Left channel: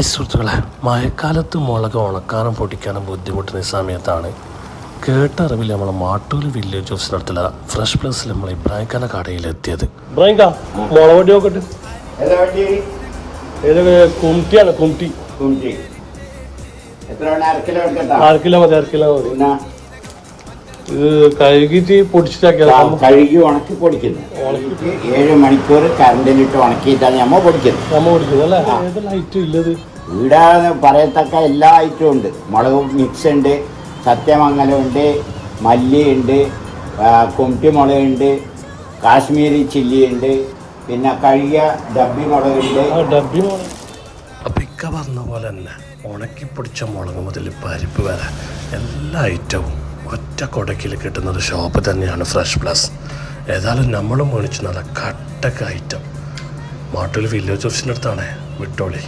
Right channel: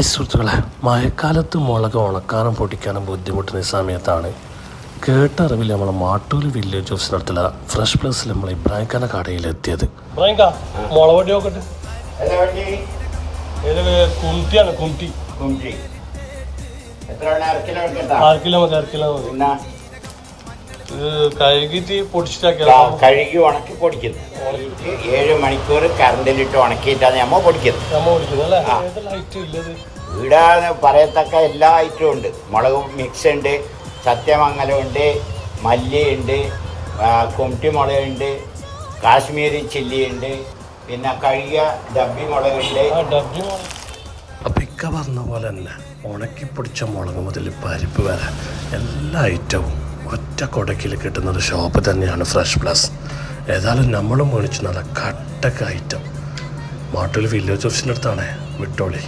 Hi സുഹൃത്തുക്കളെ, മഴക്കാലത്ത് മുളക് ഉണക്കാനും പൊടിക്കാനും ബുദ്ധിമുട്ടുന്ന സമയത്താണ് കേട്ടറിവിൽ നമ്മൾ മാട്ടൂൽ വില്ലേജ് ഓഫീസിനടുത്തുള്ള ഫ്രഷ് പ്ലസിൽ നമ്മൾ ഇബ്രാഹിംഖാന്റെ കടയിലെത്തിയത്. കഴുകിട്ട് കഴുകി ഉണക്കി പൊടിക്കുന്നു. 7 മണിക്കൂർ കറണ്ടിലിട്ട് ഉണക്കിയിട്ടാണ് നമ്മ പൊടിക്കുന്നത്. ഇവിടെ പറയത്തക്ക എല്ലാ ഐറ്റവും ഉണ്ട്. മുളക് മിക്സ് ഉണ്ട്, സത്യമംഗലം ഉണ്ട്, മല്ലിയുണ്ട്, കുംറ്റിമുളകുണ്ട്, കാശ്മീരി ചില്ലി ഉണ്ട്, പിന്നെ കഴുകിയ ഡബ്ബി മുളകുണ്ട്. അപ്പം ഇക്ക പറഞ്ഞ പോലെ തന്നെ ഉണക്കി പൊടിച്ച മുളക് മുതൽ പരിപ്പ് വരെ എല്ലാ ഐറ്റവും ഒറ്റ കൊടക്കിൽ കിട്ടുന്ന ഒരു ഷോപ്പ് തന്നെയാണ് ഫ്രഷ് പ്ലസ്. ഏതായാലും നമ്മളും മേടിച്ചു നല്ല കട്ടക്ക ഐറ്റം മാട്ടൂൽ വില്ലേജ് ഓഫീസിൻ്റെ അടുത്താണ്. വിട്ടോളി.